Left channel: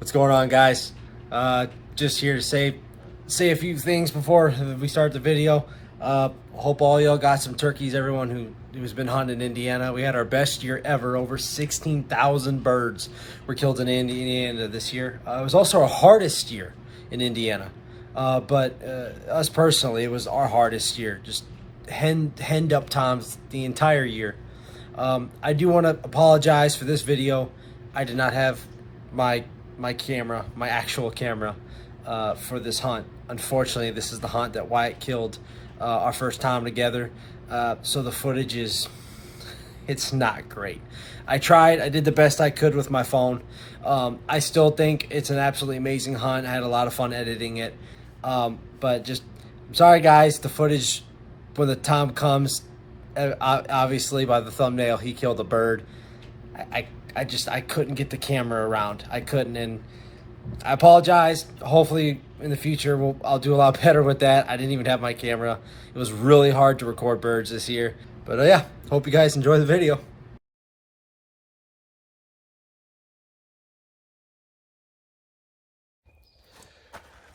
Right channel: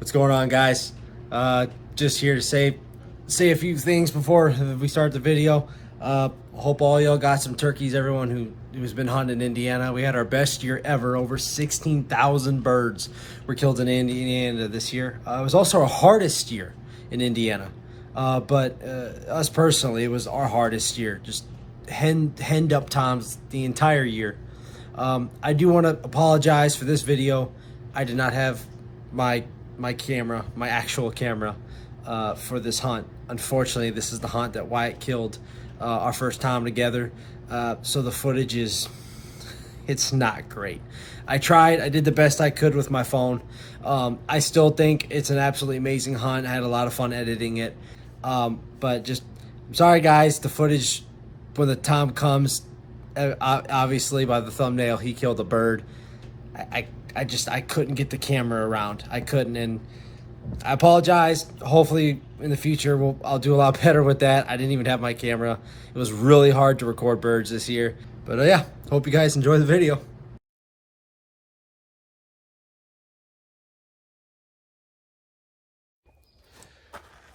What's going on, guys? Just here to say a few things before we start the video. Hope all y'all got some turkeys. Everyone who's been hunting in Indiana, we had our best year ever. Over 16,000 birds were killed in Indiana this year. It was also our hardest year in Indiana, but us personally, it was our hardest year. Just henned up toms the entire year. I do want to apologize for this video. I did not have my camera, my actual camera, for this hunt. Unfortunately, this is the hunt that Wyatt killed our first time together. So the footage it's not great. I did the best I could with my phone. I still think it's an absolutely amazing hunt. I had a lot of fun editing it. But just, I'm sorry guys, the footage, when the time comes, obviously by the thumbnail, he killed a bird. I couldn't get the camera around. I couldn't, and I apologize. Hopefully in the future I'll do a lot better with that. I didn't even have my camera. It was really hard to record birds this year. But yeah, hope you guys enjoy the video.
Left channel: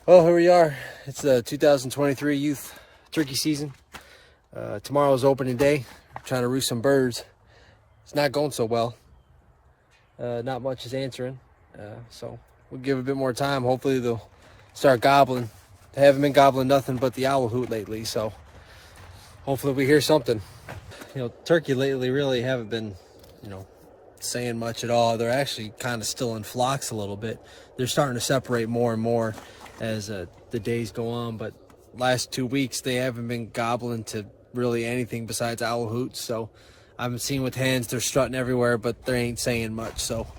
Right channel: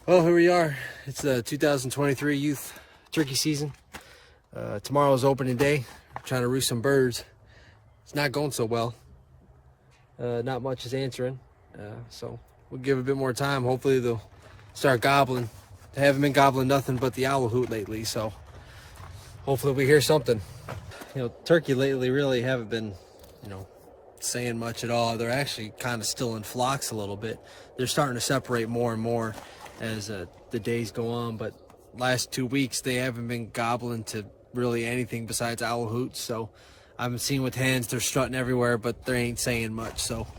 Well, here we are. It's the 2023 youth turkey season. Tomorrow's opening day. I'm trying to roost some birds. It's not going so well. Not much is answering. So we'll give it a bit more time. Hopefully they'll start gobbling. They haven't been gobbling nothing but the owl hoot lately, so hopefully we hear something. Turkey lately really haven't been, saying much at all. They're actually kind of still in flocks a little bit. They're starting to separate more and more as the days go on, but last 2 weeks they haven't been gobbling to really anything besides owl hoots. So I've been seeing with hens, they're strutting everywhere, but they ain't saying much. So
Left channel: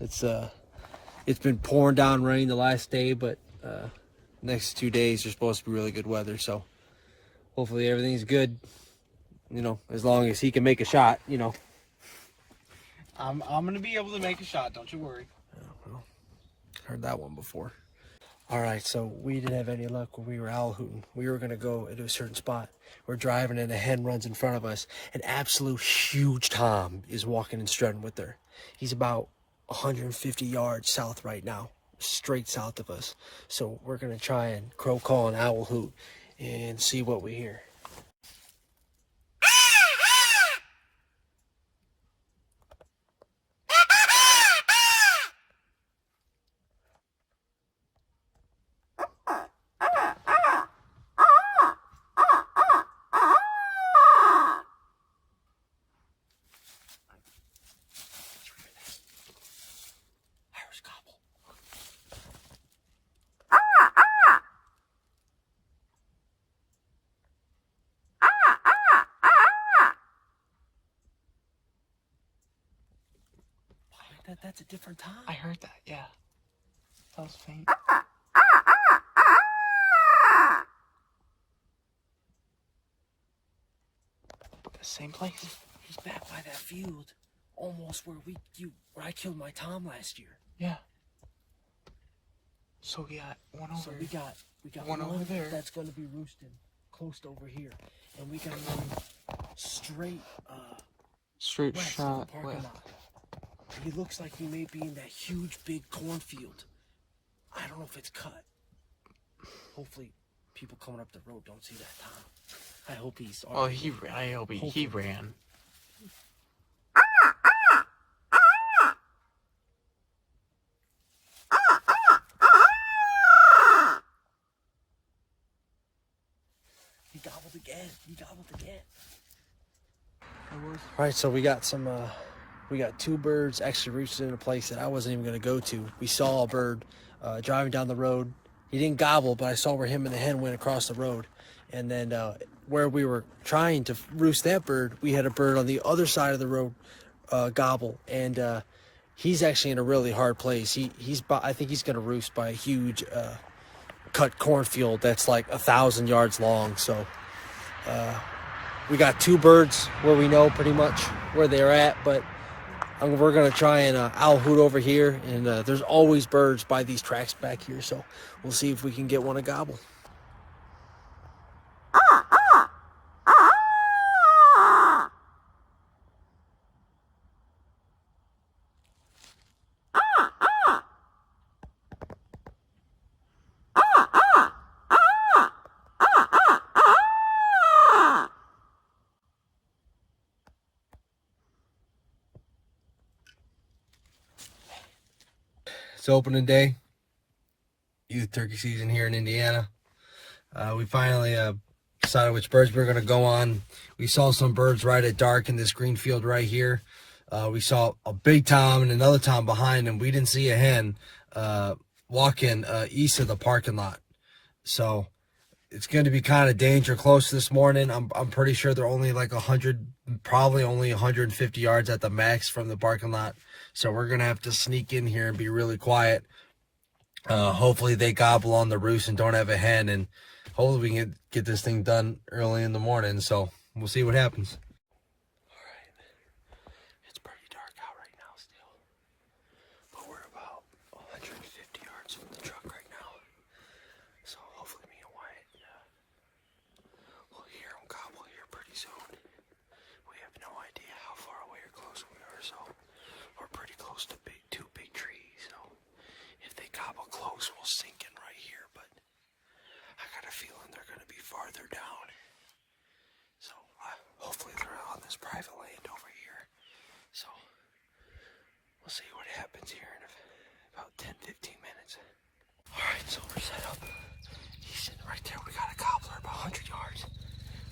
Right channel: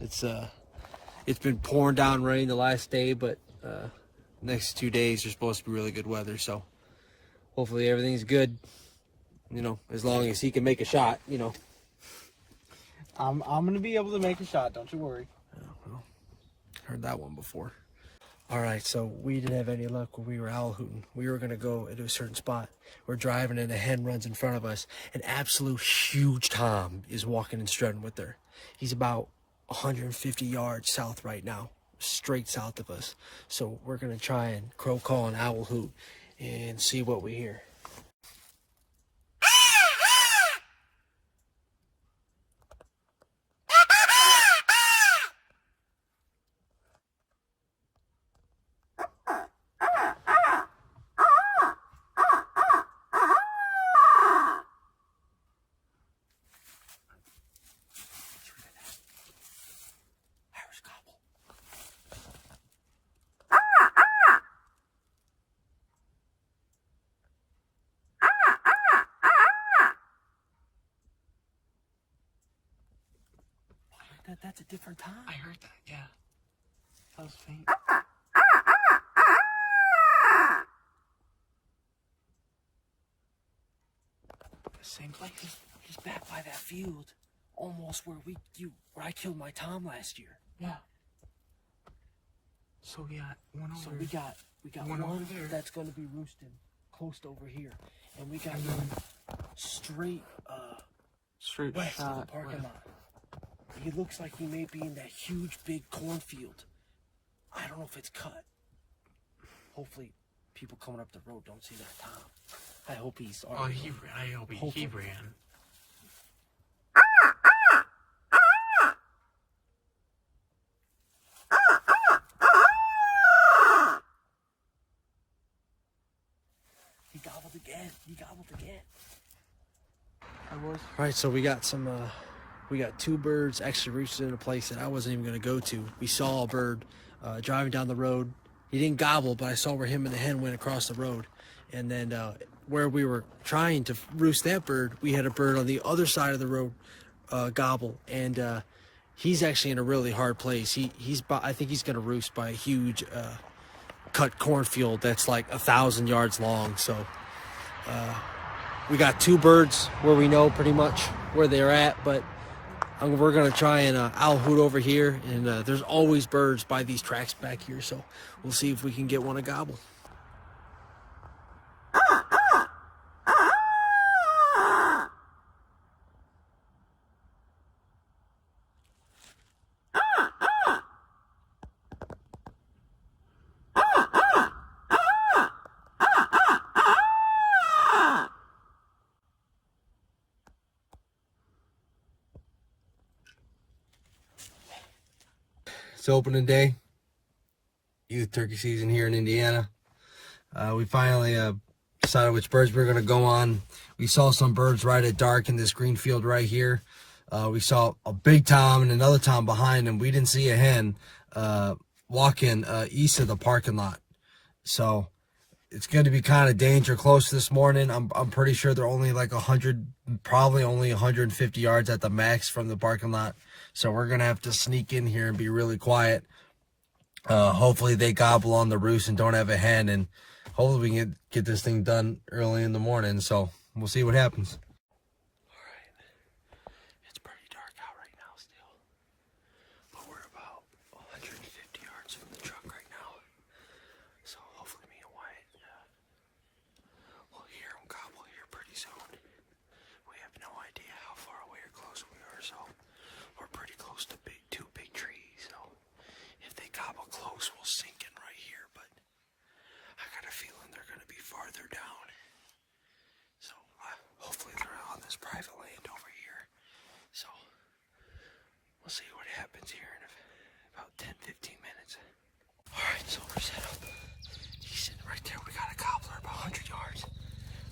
it's been pouring down rain the last day, but next 2 days are supposed to be really good weather. So hopefully everything's good, as long as he can make a shot. I'm gonna be able to make a shot, don't you worry. Well, heard that one before. All right, so we didn't have any luck when we were owl hooting. We were gonna go into a certain spot. We're driving and a hen runs in front of us. An absolute huge tom is walking and strutting with her. He's about 150 yards south right now, straight south of us. So we're gonna try and crow call an owl hoot and see what we hear. That's a different time. I heard that, yeah. That was faint. The same place? He's back by that field, almost where I killed my tom last year. Yeah. So we got one over. So we got one over there. That's going to be roosting close to over here, and we got one straight west shot of the parking left. lot. He looks like he may be in that huge big cornfield. I don't know if it's cut. Hopefully people coming up the road don't see that tom. I hope he's already. I hope he ran. He gobbled again. All right, so we got we got 2 birds actually roosted in a place that I wasn't even going to go to. We saw a bird driving down the road. He didn't gobble, but I saw where him and the hen went across the road. And then where we were trying to roost that bird, we had a bird on the other side of the road gobble. And he's actually in a really hard place. I think he's going to roost by a huge cut cornfield that's like 1,000 yards long. So we got 2 birds where we know pretty much where they're at, but we're gonna try and owl hoot over here, and there's always birds by these tracks back here, so we'll see if we can get one to gobble. It's opening day. Youth turkey season here in Indiana. We finally decided which birds we were going to go on. We saw some birds right at dark in this green field right here. We saw a big tom and another tom behind him. We didn't see a hen walking east of the parking lot. So it's going to be kind of danger close this morning. I'm pretty sure they're only like 100, probably only 150 yards at the max from the parking lot. So we're going to have to sneak in here and be really quiet. Hopefully they gobble on the roost and don't have a hen, and hopefully we can get this thing done early in the morning. So we'll see what happens. All right. It's pretty dark out right now still, but we're about 150 yards from the truck right now. So hopefully me and Wyatt we'll hear them gobble here pretty soon. We have no idea how far away or close we are, so we're pretty close to two big trees. So if they gobble close, we'll sink in right here, but I got a feeling they're going to be farther down. So hopefully they're on this private land over here. So we'll see what happens here in about 10-15 minutes. All right, so we're set up. He's sitting right there. We got a gobbler about 100 yards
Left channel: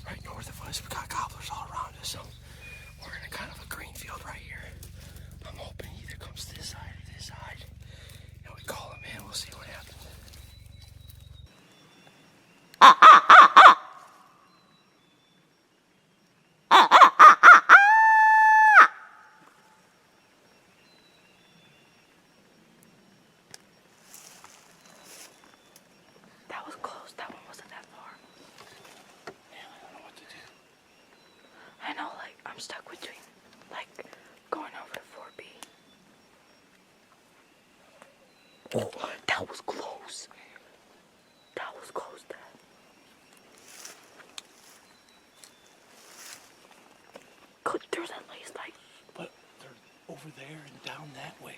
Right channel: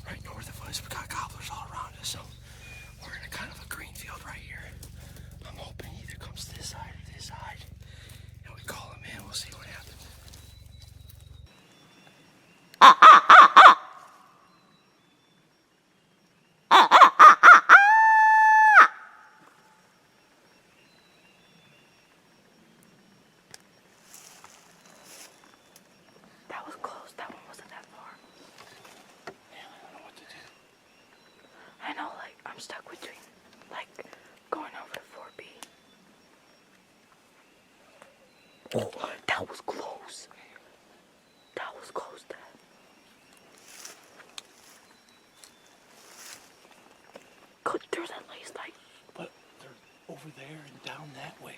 right north of us. We got gobblers all around us, so we're in a kind of a green field right here. I'm hoping he either comes this side or this side, and we call him in. We'll see what happens. That was close. That one wasn't that far. Man, I don't know what to do. I know, like, I'm stuck between, like, going over to 4B. Oh, that was close. That was close, Dad. Go through that lace, like. But they're over there and down that way.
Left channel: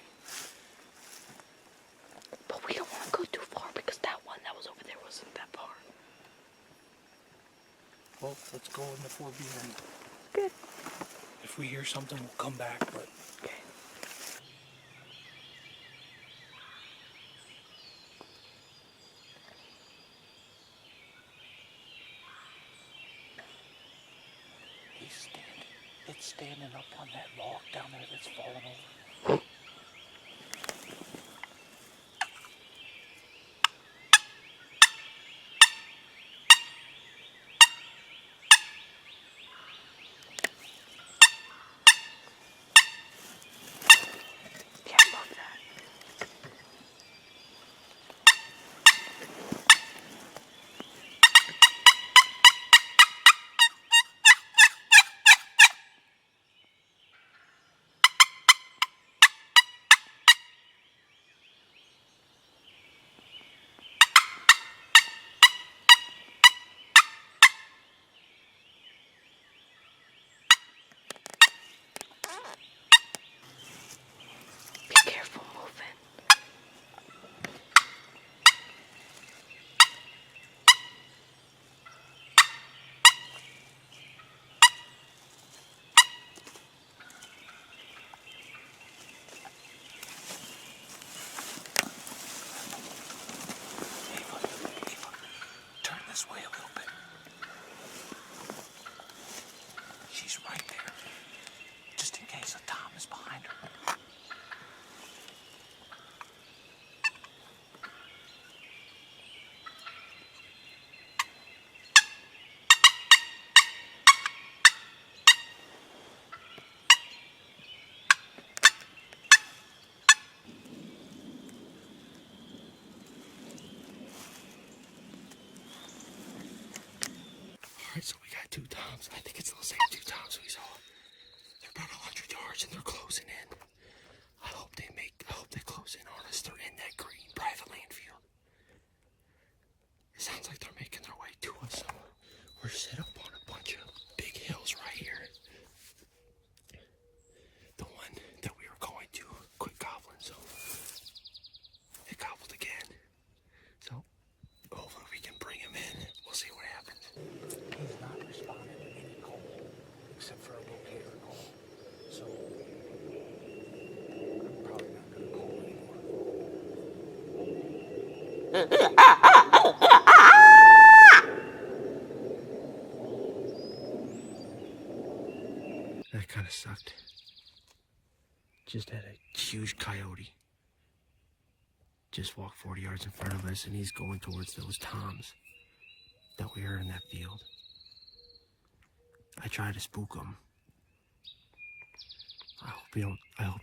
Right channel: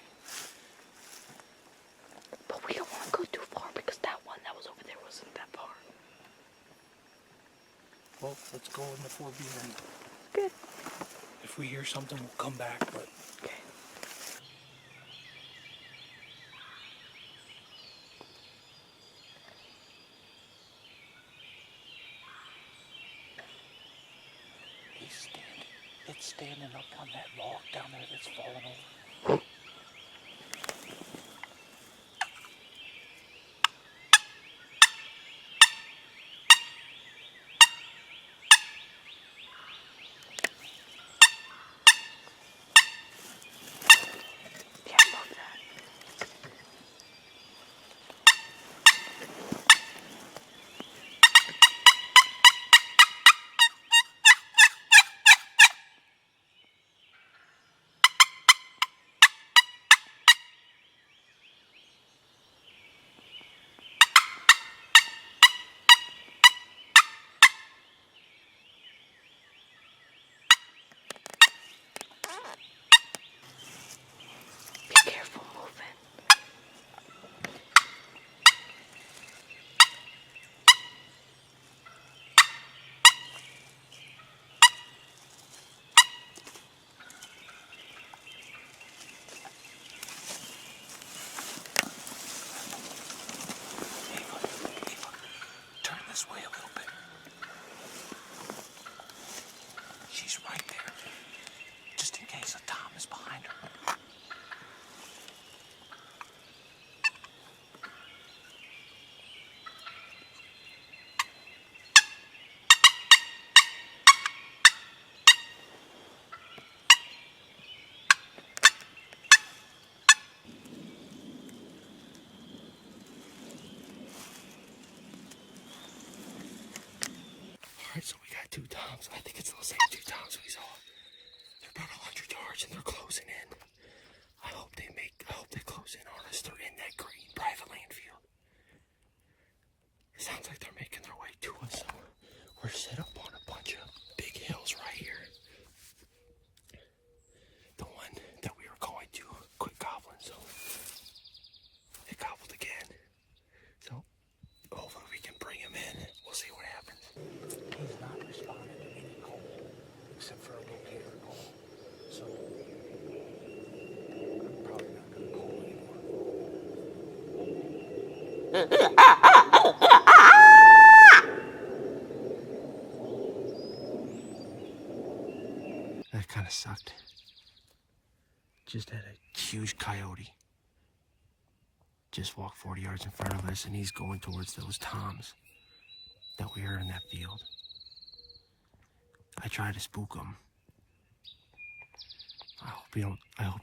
But we don't want to go too far because that one that was over there wasn't that far. Well, let's go in the 4B then. Good. If we hear something, we'll come back, but Okay. it's standing up on that log down there that's fallen over. Yeah, move that. Be careful moving. Ava, turn this way a little bit. She's right there. Just in case a tom is behind her. All right, so we got two toms. I think it's the same two toms we saw. They're about 100 yards and they're closing in. I hope they close in on us. They're in that green private land field. It sounds like they're making their way to us. So we're set up on a bunch of big hills right here. The one that we were going to quit gobbling, so it gobbled again. So hopefully we can bring him in. We'll see what happens. He's not responding to any call except for a locator call. So That kind of sucked. Just had a huge coyote just walk 40 yards in front of us, and he's going towards those toms that we heard in that field. I tried to spook him. I hope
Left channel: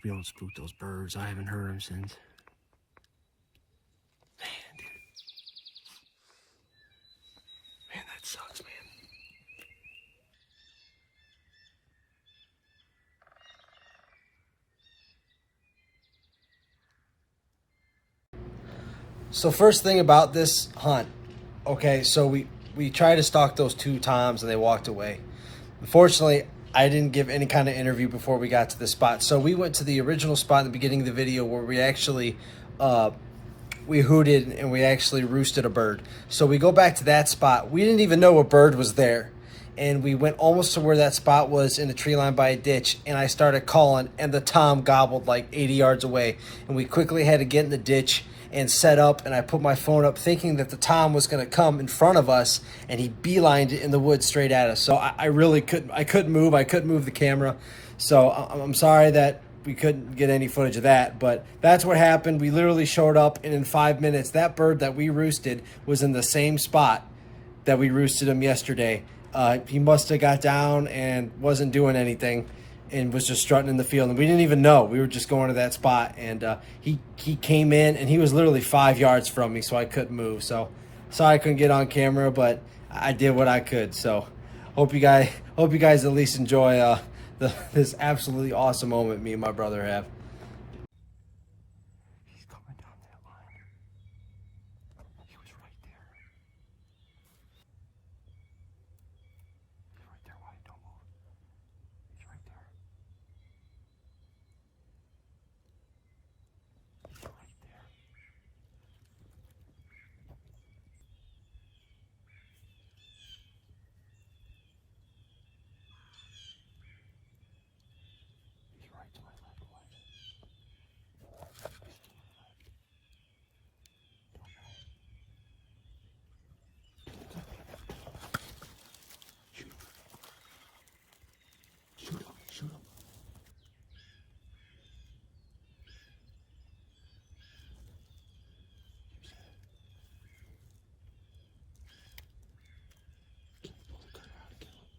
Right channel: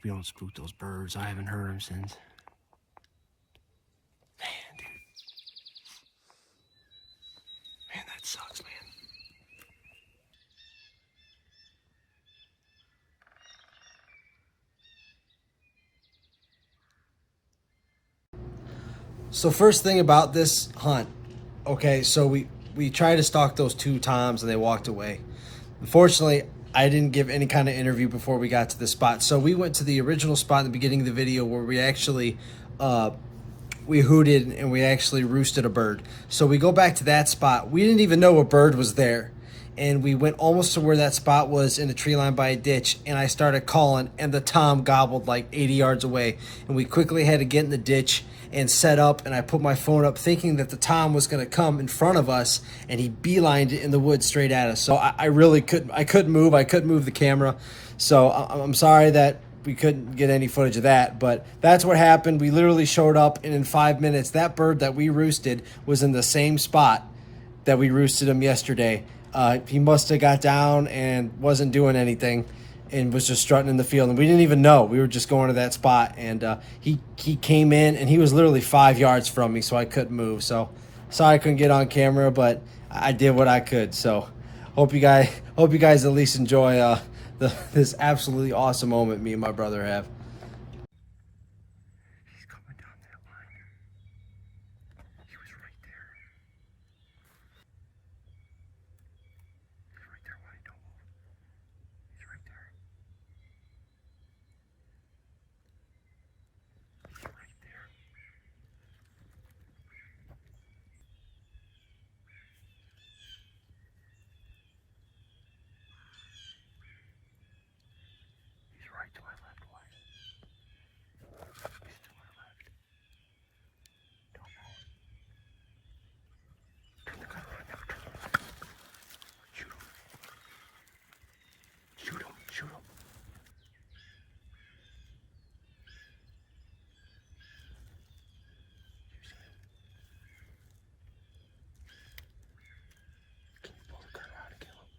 you don't spook those birds. I haven't heard them since. Man, dude. Man, that sucks, man. So first thing about this hunt, okay, so we tried to stalk those 2 toms and they walked away. Unfortunately, I didn't give any kind of interview before we got to the spot. So we went to the original spot in the beginning of the video where we actually we hooted and we actually roosted a bird. So we go back to that spot. We didn't even know a bird was there. And we went almost to where that spot was in the tree line by a ditch, and I started calling, and the tom gobbled like 80 yards away. And we quickly had to get in the ditch and set up, and I put my phone up thinking that the tom was going to come in front of us, and he beelined it in the woods straight at us. So I really couldn't move. I couldn't move the camera. So I'm sorry that we couldn't get any footage of that, but that's what happened. We literally showed up, and in 5 minutes, that bird that we roosted was in the same spot that we roosted him yesterday. He must have got down and wasn't doing anything and was just strutting in the field. And we didn't even know. We were just going to that spot. And he came in, and he was literally 5 yards from me, so I couldn't move. So sorry I couldn't get on camera, but I did what I could. So hope you guys at least enjoy this absolutely awesome moment me and my brother have. He's coming down that line. He was right there. He's right there, Wyatt. Don't move. He's right there. He's right there. He's right to my left, Wyatt. He's to my left. Don't move. Turn the gun on. Shoot him. Shoot him. Shoot him. You see it? Can you pull the gun out and kill him?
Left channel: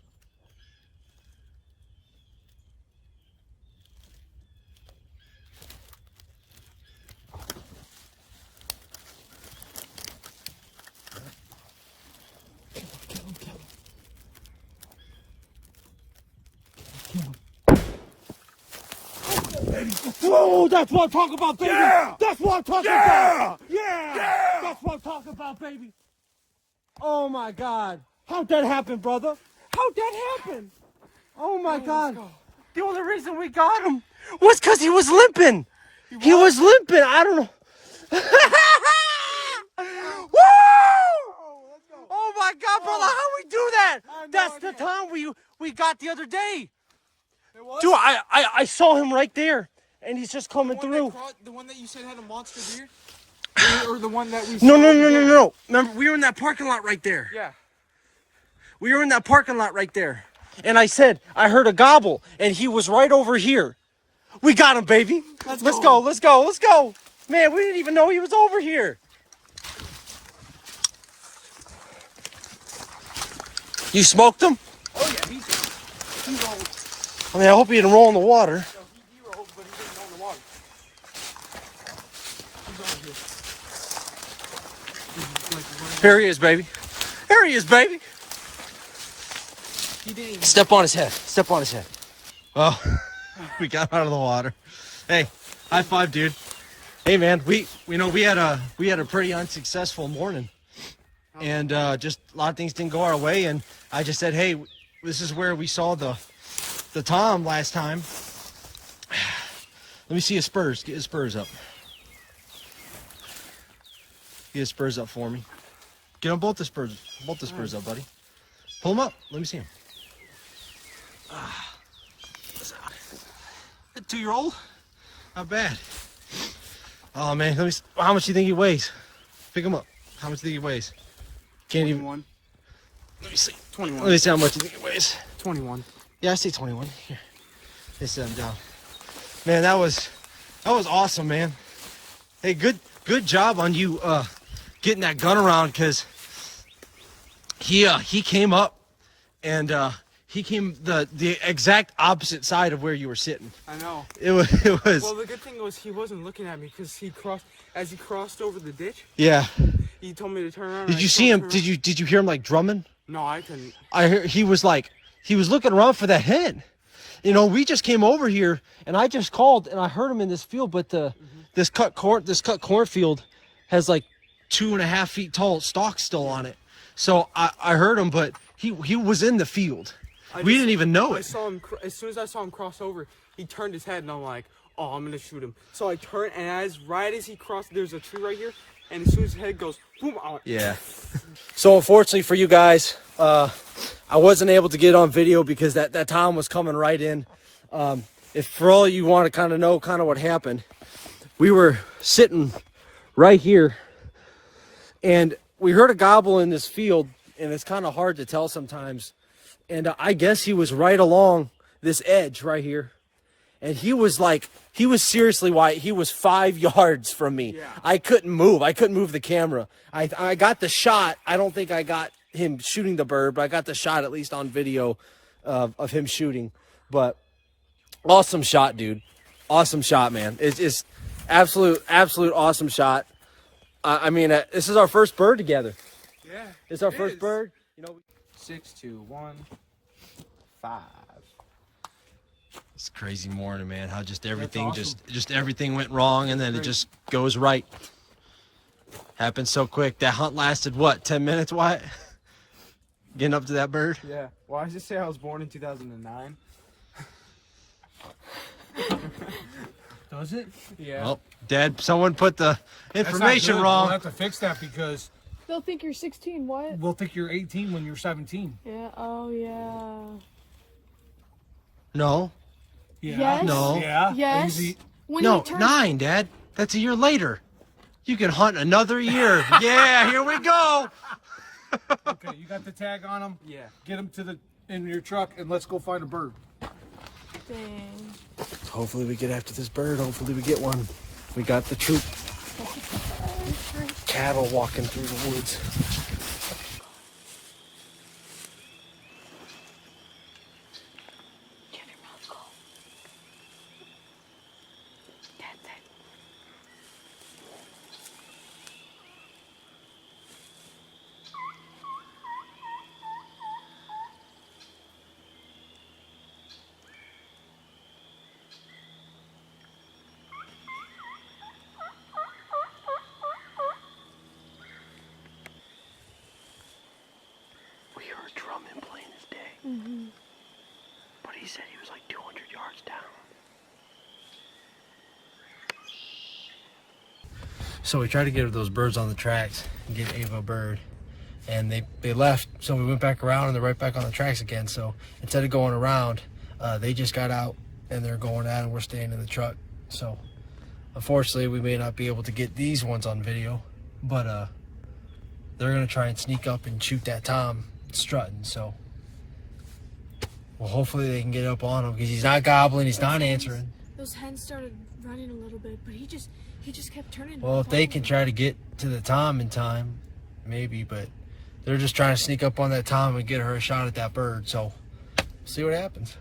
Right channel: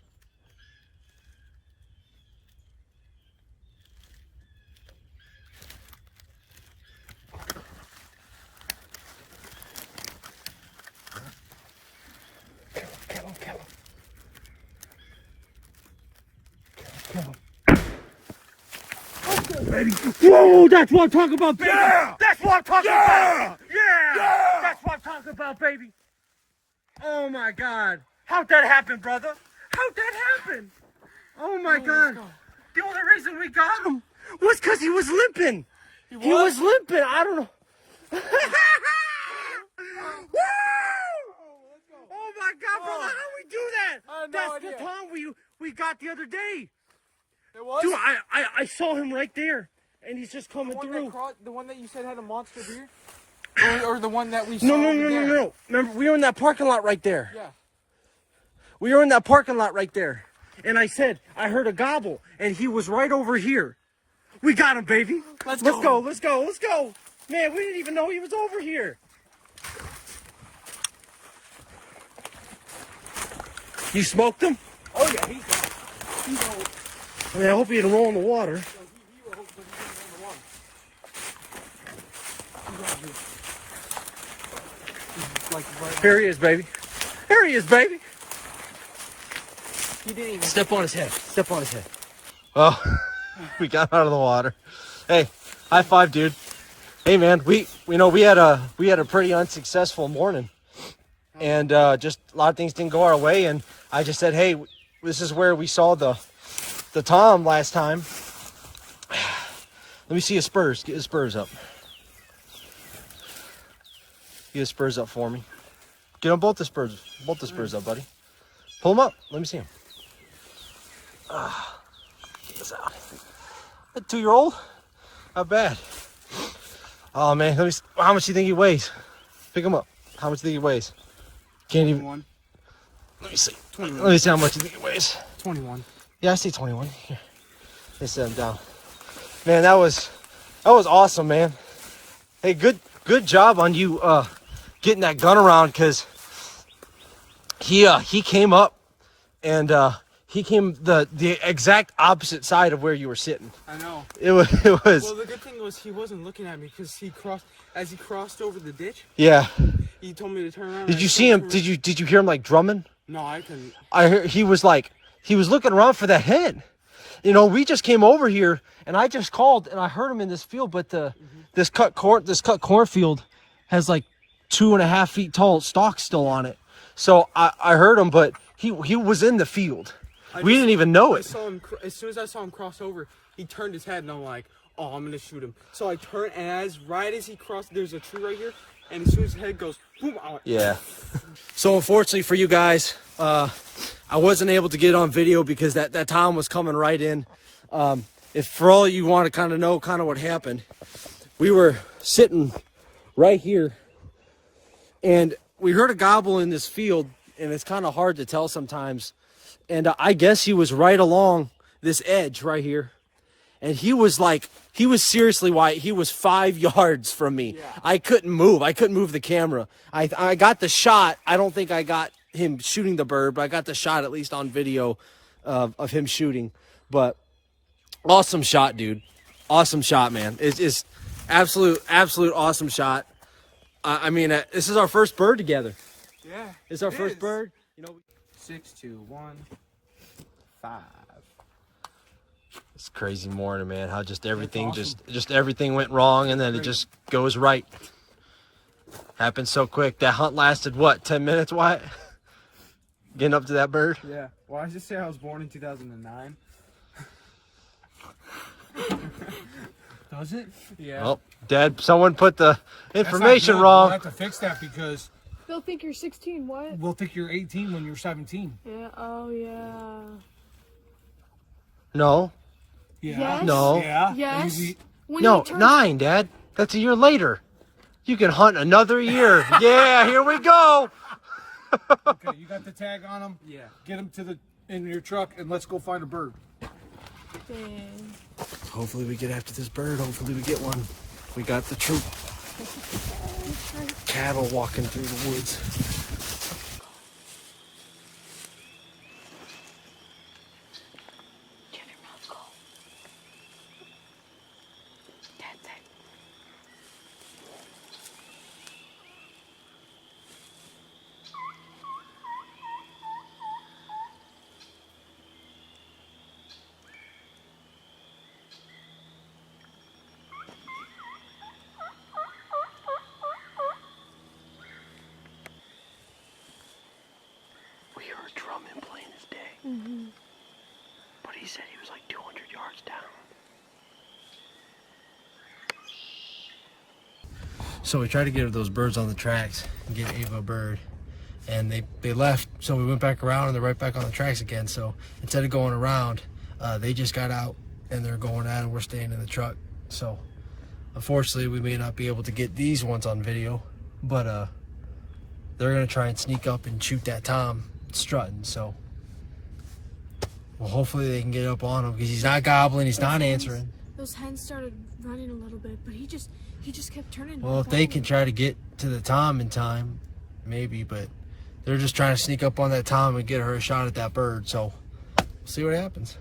Kill him. Kill him. Kill him. Baby. Whoa, that's what I'm talking about, baby. Yeah! That's what I'm talking Yeah! about. Yeah! Yeah! That's what I'm talking about, baby. Oh my God. How'd that happen, brother? How'd that happen? Oh my God. The only reason we got him was because he was limping. He was limping. I don't know. Woo! Oh my God, brother, how we do that? That's the time we got the other day. It was? Dude, I saw him right there, and he's just coming through. The one that you said had a monster deer? Or the one that we saw? No. Remember, we were in that parking lot right there. Yeah. We were in that parking lot right there. And I said, I heard a gobble, and he was right over here. We got him, baby. Let's go. Man, we didn't even know he was over here. You smoked him? Oh, yeah, he rolled. I mean, I hope he didn't roll in the water. He rolled, but he didn't roll in the water. He's like right. Here he is, baby. Here he is, baby. He didn't even. Step on his head. Step on his head. Well, we got out of the water. Hey, high five, dude. Hey, man, we had a pretty unsuccessful morning, and just a lot of things didn't go our way. And I just said, hey, this is where we saw the tom last time. Let me see his spurs. Get his spurs up. Get his spurs up for me. Get on both the spurs up, buddy. Pull them up. Let me see them. Get this out. A 2-year-old? Not bad. Oh man, how much do you think he weighs? Pick him up. How much do you think he weighs? Can't even. 21. Let me see. 21. Let me see how much you think it weighs. 21. Yeah, I see 21. Here. They set him down. Man, that was awesome, man. Hey, good job on you getting that gun around, because he came up and he came the exact opposite side of where you were sitting. I know. It was. Well, the good thing was he wasn't looking at me, because he crossed over the ditch. Yeah. He told me to turn around. Did you see him? Did you hear him like drumming? No, I couldn't. I heard he was looking around for that hen. You know, we just came over here and I just called and I heard him in this field, but this cut cornfield has like 2.5 feet tall stalks still on it. So I heard him, but he was in the field. We didn't even know I it. saw him as soon as I saw him cross over. He turned his head and I'm like, oh, I'm gonna shoot him. So I turned, and right as he crossed, there's a tree right here, and as soon as his head goes, boom, I went, Yeah. So unfortunately for you guys, I wasn't able to get on video because that Tom was coming right in. If for all you want to kind of know what happened, we were sitting right here and we heard a gobble in this field, and it's kind of hard to tell sometimes. And I guess he was right along this edge right here. And he was seriously, Wyatt, he was 5 yards from me. Yeah. I couldn't move the camera. I got the shot. I don't think I got him shooting the bird, but I got the shot at least on video of him shooting. But awesome shot, dude. Awesome shot, man. It's absolute awesome shot. I mean, this is our first bird together. Yeah. It's our first bird. You know, 6, 2, 1, 5. It's a crazy morning, man. How just everything just everything went wrong, and then it just goes right. Happened so quick. That hunt lasted what, 10 minutes, Wyatt? Getting up to that bird? Yeah. Well, I just say I was born in 2009. Does it? Yeah. Well, Dad, someone put the information We'll wrong. have to fix that because They'll think you're 16, what? we'll think you're 18 when you're 17. Yeah, oh yeah. No. Yeah. Yes. No. Yeah. Yes. Easy. When No, you turn 9, Dad. That's a year later. You can hunt another year. Yeah, here we go. Okay, you got the tag on them. Yeah. Get them in your truck and let's go find a bird. Dang. Hopefully we get after this bird. Hopefully we get one. We got the troop. Cattle walking through the woods. Give your mouth go. That's it. We heard drumming playing this day. But he said he was like 200 yards down. So we tried to get those birds on the tracks and get Ava a bird, and they left. So we went back around and they're right back on the tracks again. So instead of going around, they just got out and they're going at it. We're staying in the truck. So unfortunately we may not be able to get these ones on video, but they're gonna try and sneak up and shoot that Tom strutting. So well, hopefully they can get up on him, because he's not gobbling, he's not answering. Those hens started running a little bit, but he just kept turning. Well, if they can try to get to the Tom in time, maybe, but they're just trying to sneak up on that Tom and get her a shot at that bird. So, see what happens.